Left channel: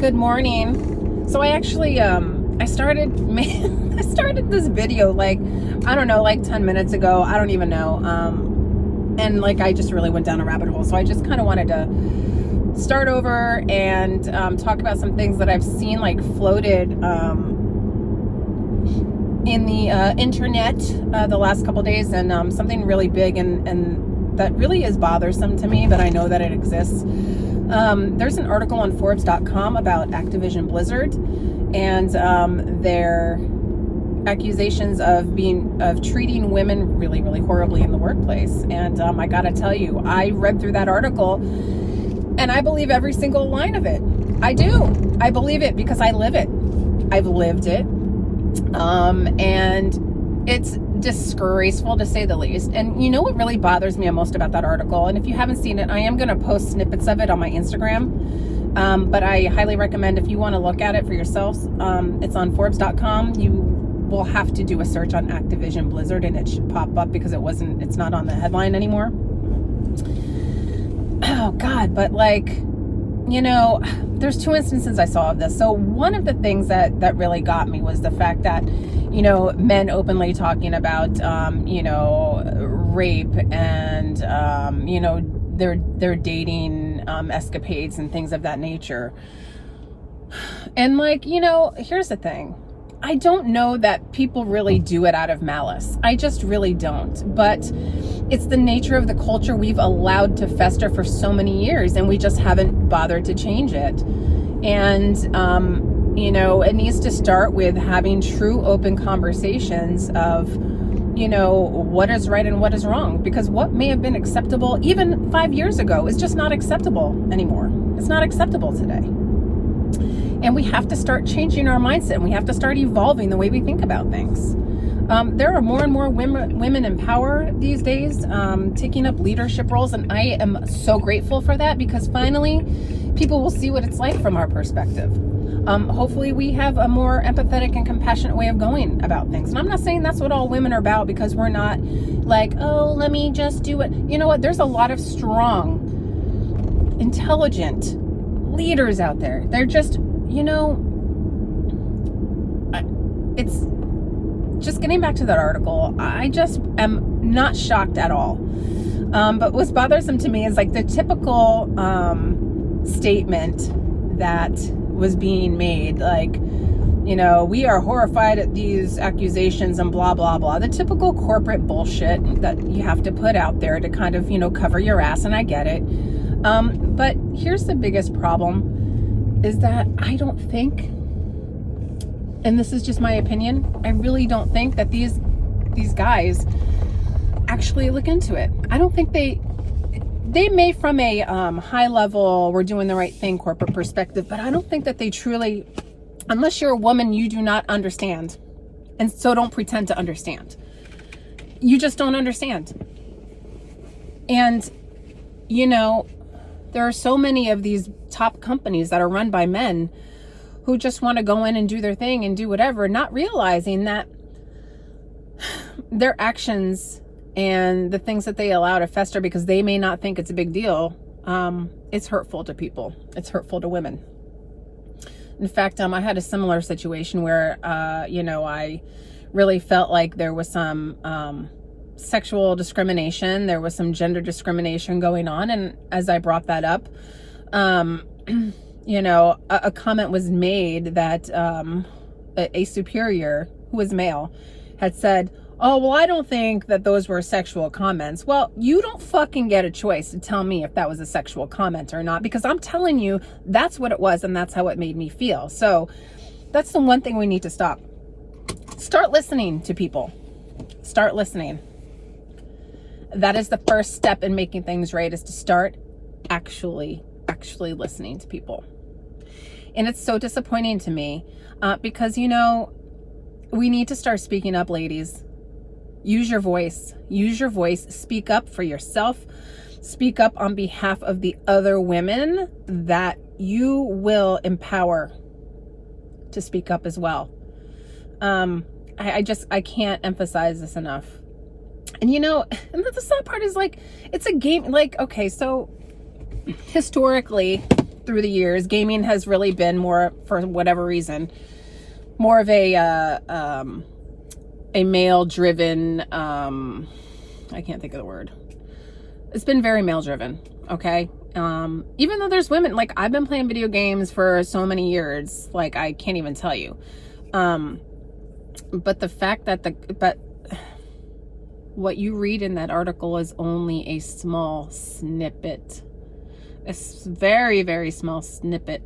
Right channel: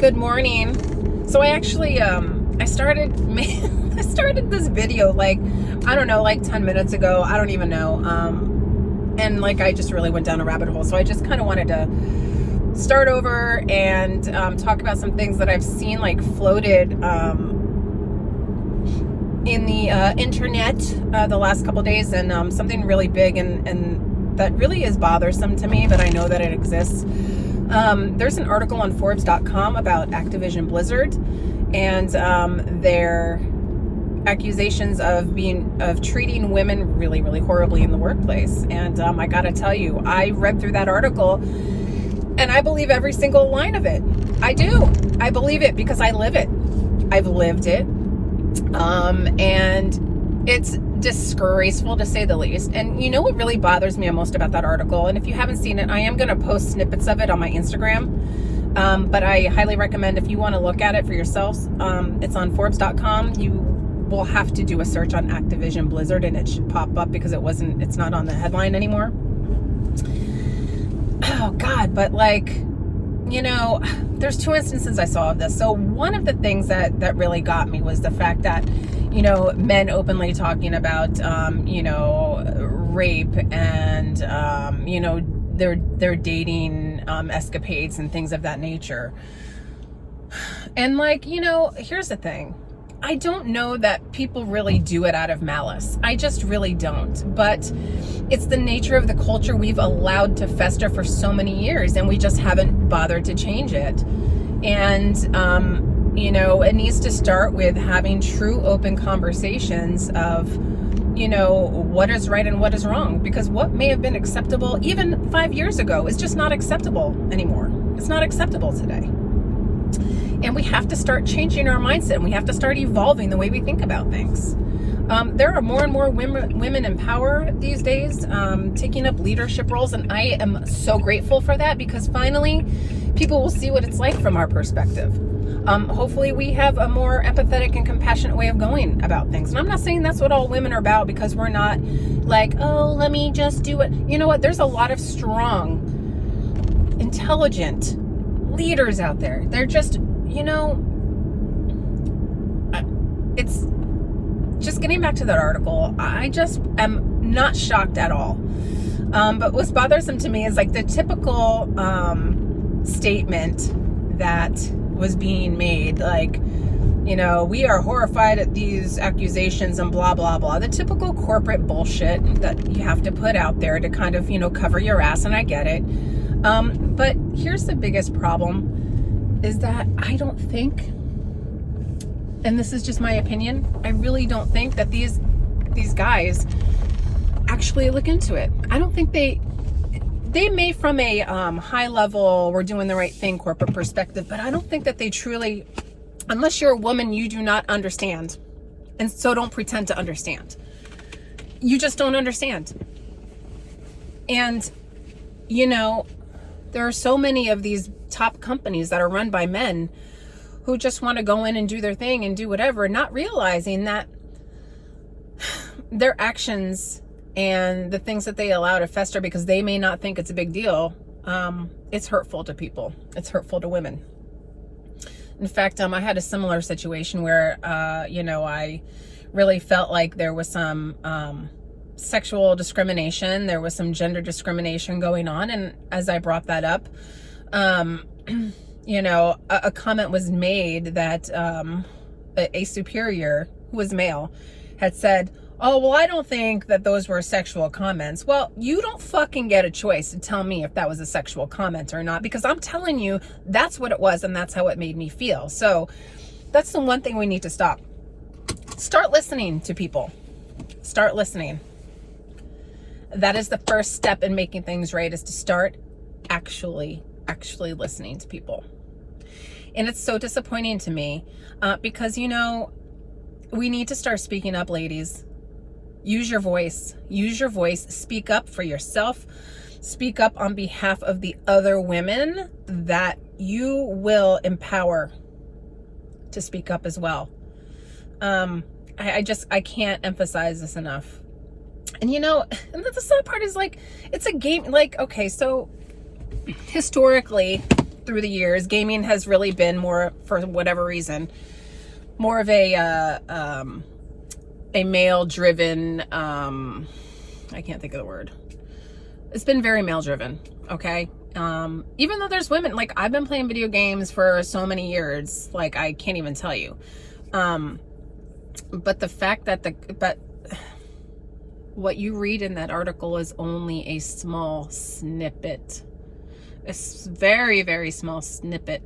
Good morning. So I actually I started this video like, I don't know, like 10 minutes ago. I don't even know. And like I just really went down a rabbit hole. So I just kind of wanted to start over and talk about some things that I've seen like floated in the internet the last couple days, and something really big and that really is bothersome to me, but I know that it exists. There's an article on Forbes.com about Activision Blizzard and their accusations of treating women really, really horribly in the workplace. And I gotta tell you, I read through that article and I believe every single line of it. I do. I believe it because I live it. I've lived it. And it's disgraceful to say the least. And you know what really bothers me most about that article? And if you haven't seen it, I am going to post snippets of it on my Instagram. But I highly recommend, if you want to look at it for yourselves, it's on Forbes.com. You will have to do a search on Activision Blizzard and it should pop up because it's not on the headline anymore. Oh God, but like, you know, there's two instances I saw of this. So one of the things that really got me was the fact that, you know, men openly talking about, you know, rape and, you know, their dating escapades and things of that nature. And like, you know, here's the thing. I don't know that people really do it out of malice. I just really don't. But it's the nature of the culture we've allowed to fester for so many years, and we just haven't bothered to change it. And, you know, it needs to start with having true open conversations of, you know, what is right and what is wrong. Because what may have been acceptable even 5 years ago is just not acceptable anymore. It's not acceptable today. And we have to start changing our mindset, and we have to start evolving the way we think about things. There are more and more women in power these days, taking up leadership roles, and I am so grateful for that, because finally people will see what it's like from our perspective. Hopefully we have a more empathetic and compassionate way of going about things. And I'm not saying that's what all women are about, because we're not like, oh, let me just do it. You know what? There's a lot of strong, intelligent leaders out there. They're just, you know, it's just getting back to that article. I just am not shocked at all. But what's bothersome to me is like the typical statement that was being made, like, you know, we are horrified at these accusations and blah, blah, blah. The typical corporate bullshit that you have to put out there to kind of, you know, cover your ass, and I get it. But here's the biggest problem, is that I don't think, and this is just my opinion, I really don't think that these guys actually look into it. I don't think they may, from a high level, we're doing the right thing corporate perspective, but I don't think that they truly, unless you're a woman, you do not understand. And so don't pretend to understand. You just don't understand. And, you know, there are so many of these top companies that are run by men who just want to go in and do their thing and do whatever, not realizing that their actions and the things that they allow to fester because they may not think it's a big deal, it's hurtful to people. It's hurtful to women. In fact, I had a similar situation where, you know, I really felt like there was some sexual discrimination. There was some gender discrimination going on. And as I brought that up, you know, a comment was made that a superior who was male had said, oh, well, I don't think that those were sexual comments. Well, you don't fucking get a choice to tell me if that was a sexual comment or not, because I'm telling you that's what it was and that's how it made me feel. So that's the one thing we need to stop. Start listening to people. Start listening. That is the first step in making things right, is to start actually listening to people. And it's so disappointing to me because, you know, we need to start speaking up, ladies. Use your voice. Use your voice. Speak up for yourself. Speak up on behalf of the other women that you will empower to speak up as well. I can't emphasize this enough. And you know, and the sad part is like, it's a game, like, okay, so historically through the years, gaming has really been more, for whatever reason, more of a male driven, I can't think of the word. It's been very male driven. Okay. Even though there's women, like I've been playing video games for so many years, like I can't even tell you. But the fact that but what you read in that article is only a small snippet, a very, very small snippet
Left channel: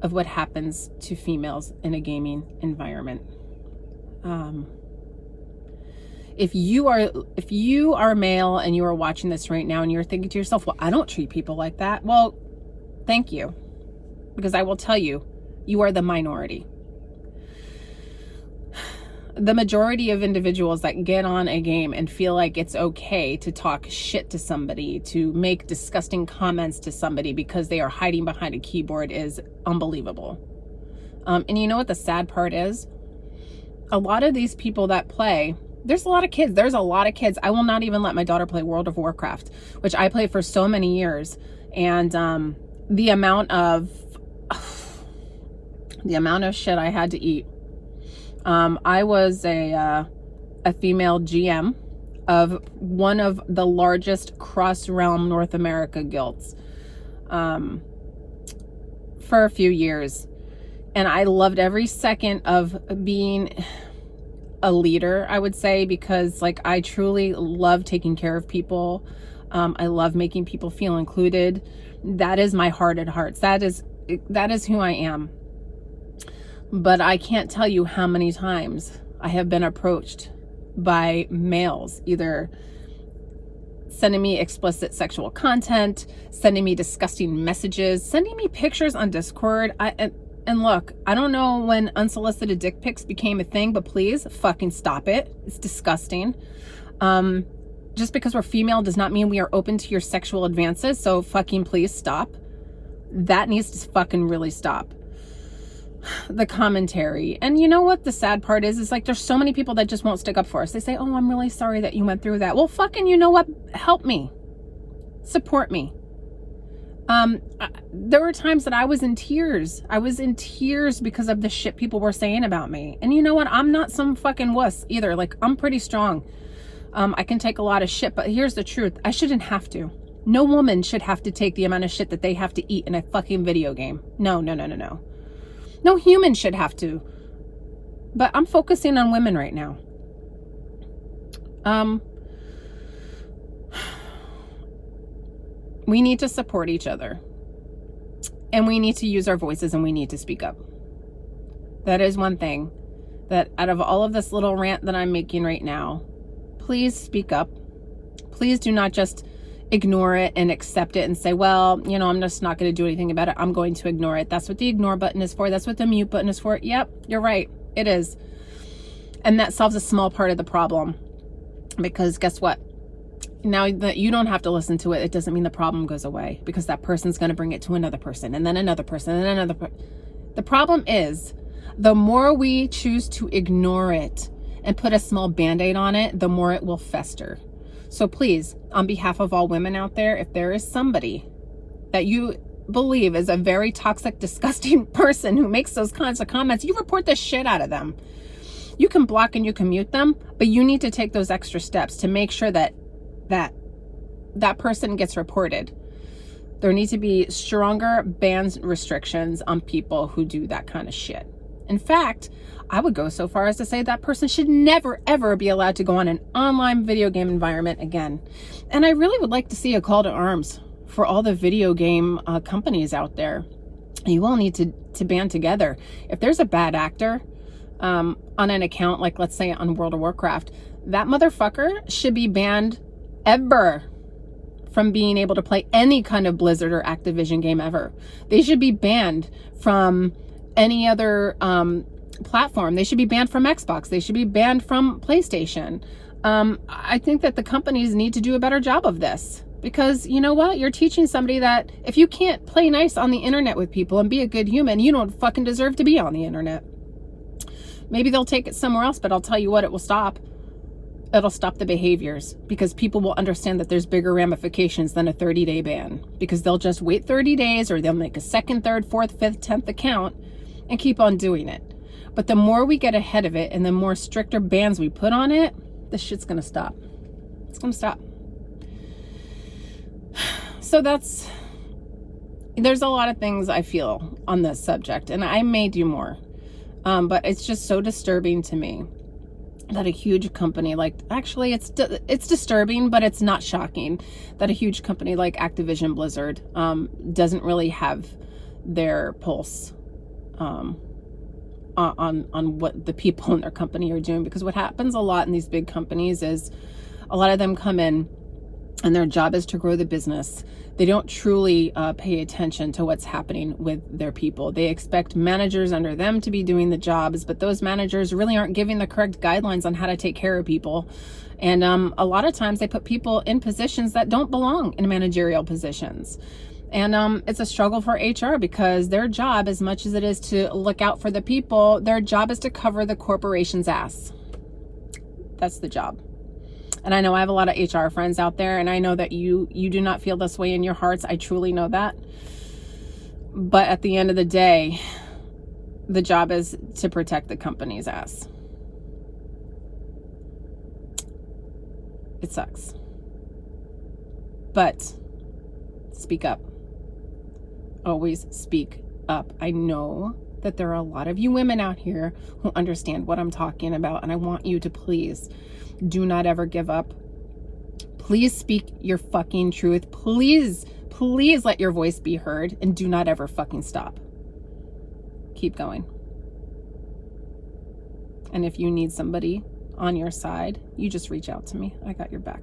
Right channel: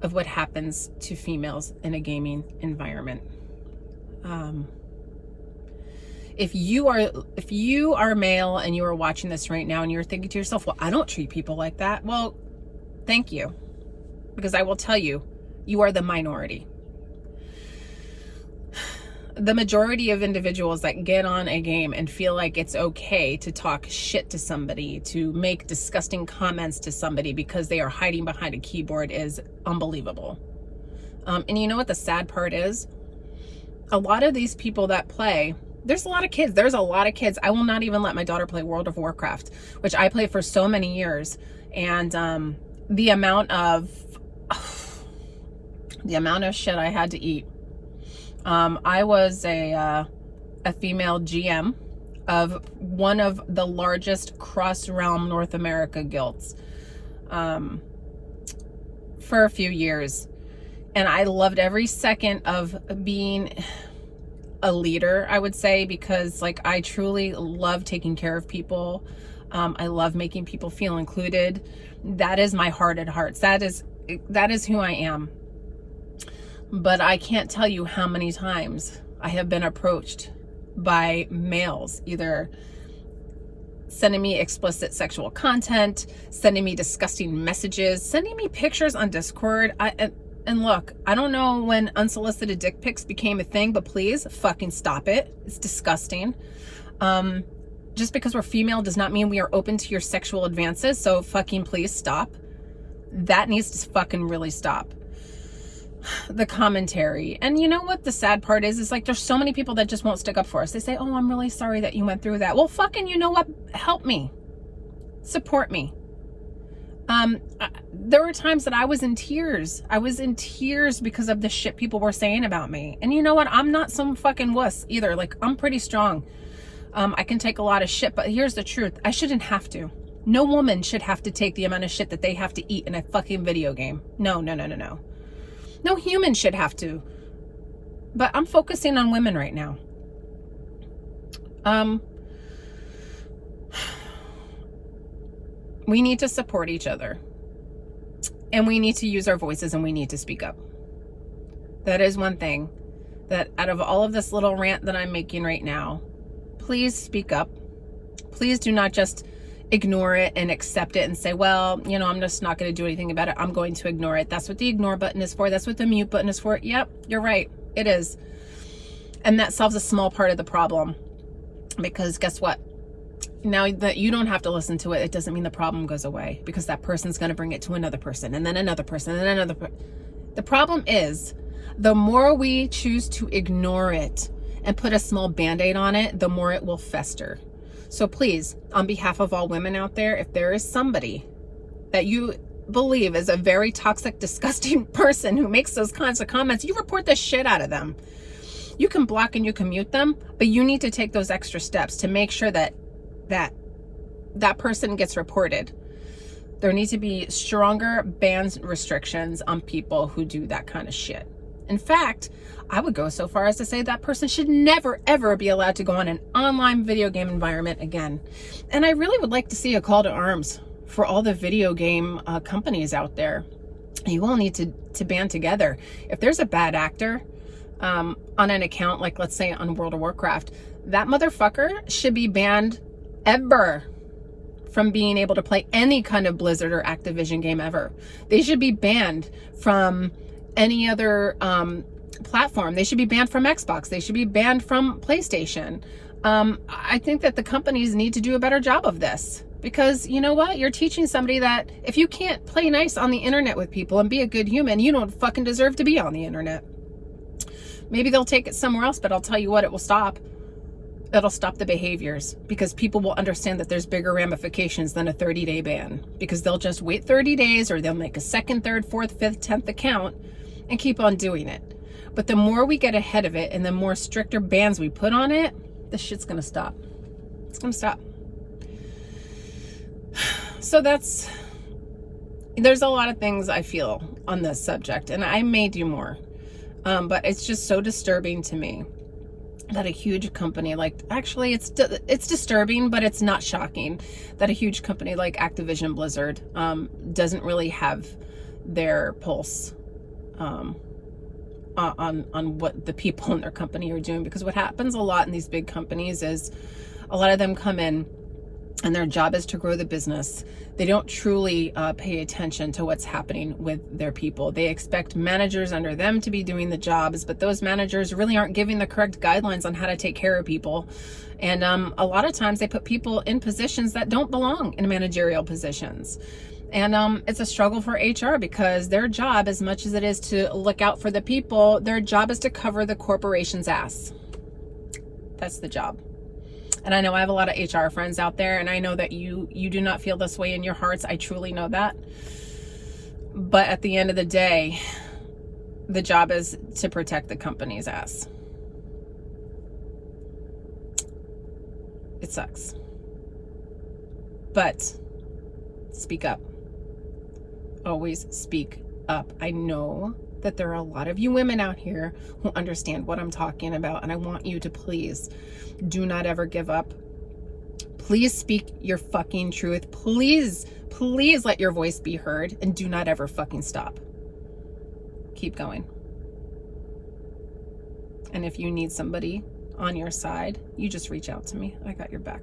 of what happens to females in a gaming environment. If you are male and you are watching this right now and you're thinking to yourself, well, I don't treat people like that. Well, thank you. Because I will tell you, you are the minority. The majority of individuals that get on a game and feel like it's okay to talk shit to somebody, to make disgusting comments to somebody because they are hiding behind a keyboard is unbelievable. And you know what the sad part is? A lot of these people that play, there's a lot of kids. There's a lot of kids. I will not even let my daughter play World of Warcraft, which I played for so many years. And the amount of shit I had to eat. I was a female GM of one of the largest cross-realm North America guilds for a few years. And I loved every second of being a leader, I would say, because like I truly love taking care of people. I love making people feel included. That is my heart at hearts. That is who I am. But I can't tell you how many times I have been approached by males, either sending me explicit sexual content, sending me disgusting messages, sending me pictures on Discord. And look, I don't know when unsolicited dick pics became a thing, but please fucking stop it. It's disgusting. Just because we're female does not mean we are open to your sexual advances. So fucking please stop. That needs to fucking really stop. The commentary. And you know what the sad part is like there's so many people that just won't stick up for us. They say, oh, I'm really sorry that you went through that. Well, fucking, you know what? Help me. Support me. There were times that I was in tears. I was in tears because of the shit people were saying about me. And you know what? I'm not some fucking wuss either. Like, I'm pretty strong. I can take a lot of shit, but here's the truth. I shouldn't have to. No woman should have to take the amount of shit that they have to eat in a fucking video game. No. No human should have to. But I'm focusing on women right now. We need to support each other. And we need to use our voices and we need to speak up. That is one thing that out of all of this little rant that I'm making right now, please speak up. Please do not just ignore it and accept it and say, well, you know, I'm just not going to do anything about it. I'm going to ignore it. That's what the ignore button is for. That's what the mute button is for. Yep, you're right. It is. And that solves a small part of the problem. Because guess what? Now that you don't have to listen to it, it doesn't mean the problem goes away, because that person's going to bring it to another person and then another person and then another person. The problem is the more we choose to ignore it and put a small band-aid on it, the more it will fester. So please, on behalf of all women out there, if there is somebody that you believe is a very toxic, disgusting person who makes those kinds of comments, you report the shit out of them. You can block and you can mute them, but you need to take those extra steps to make sure that that person gets reported. There need to be stronger bans restrictions on people who do that kind of shit. In fact, I would go so far as to say that person should never, ever be allowed to go on an online video game environment again. And I really would like to see a call to arms for all the video game companies out there. You all need to band together. If there's a bad actor on an account, like let's say on World of Warcraft, that motherfucker should be banned ever from being able to play any kind of Blizzard or Activision game ever. They should be banned from any other platform. They should be banned from Xbox. They should be banned from PlayStation. I think that the companies need to do a better job of this, because you know what? You're teaching somebody that if you can't play nice on the internet with people and be a good human, you don't fucking deserve to be on the internet. Maybe they'll take it somewhere else, but I'll tell you what, it will stop. It'll stop the behaviors, because people will understand that there's bigger ramifications than a 30-day ban, because they'll just wait 30 days or they'll make a second, third, fourth, fifth, 10th account and keep on doing it. But the more we get ahead of it and the more stricter bans we put on it, this shit's gonna stop. It's gonna stop. So there's a lot of things I feel on this subject, and I may do more. But it's just so disturbing to me that a huge company like, actually it's disturbing, but it's not shocking that a huge company like Activision Blizzard doesn't really have their pulse on what the people in their company are doing. Because what happens a lot in these big companies is a lot of them come in and their job is to grow the business. They don't truly pay attention to what's happening with their people. They expect managers under them to be doing the jobs, but those managers really aren't giving the correct guidelines on how to take care of people. And a lot of times they put people in positions that don't belong in managerial positions. And it's a struggle for HR, because their job, as much as it is to look out for the people, their job is to cover the corporation's ass. That's the job. And I know I have a lot of HR friends out there, and I know that you do not feel this way in your hearts. I truly know that. But at the end of the day, the job is to protect the company's ass. It sucks. But speak up. Always speak up. I know that there are a lot of you women out here who understand what I'm talking about, and I want you to please do not ever give up. Please speak your fucking truth. Please let your voice be heard, and do not ever fucking stop. Keep going. And if you need somebody on your side, you just reach out to me. I got your back.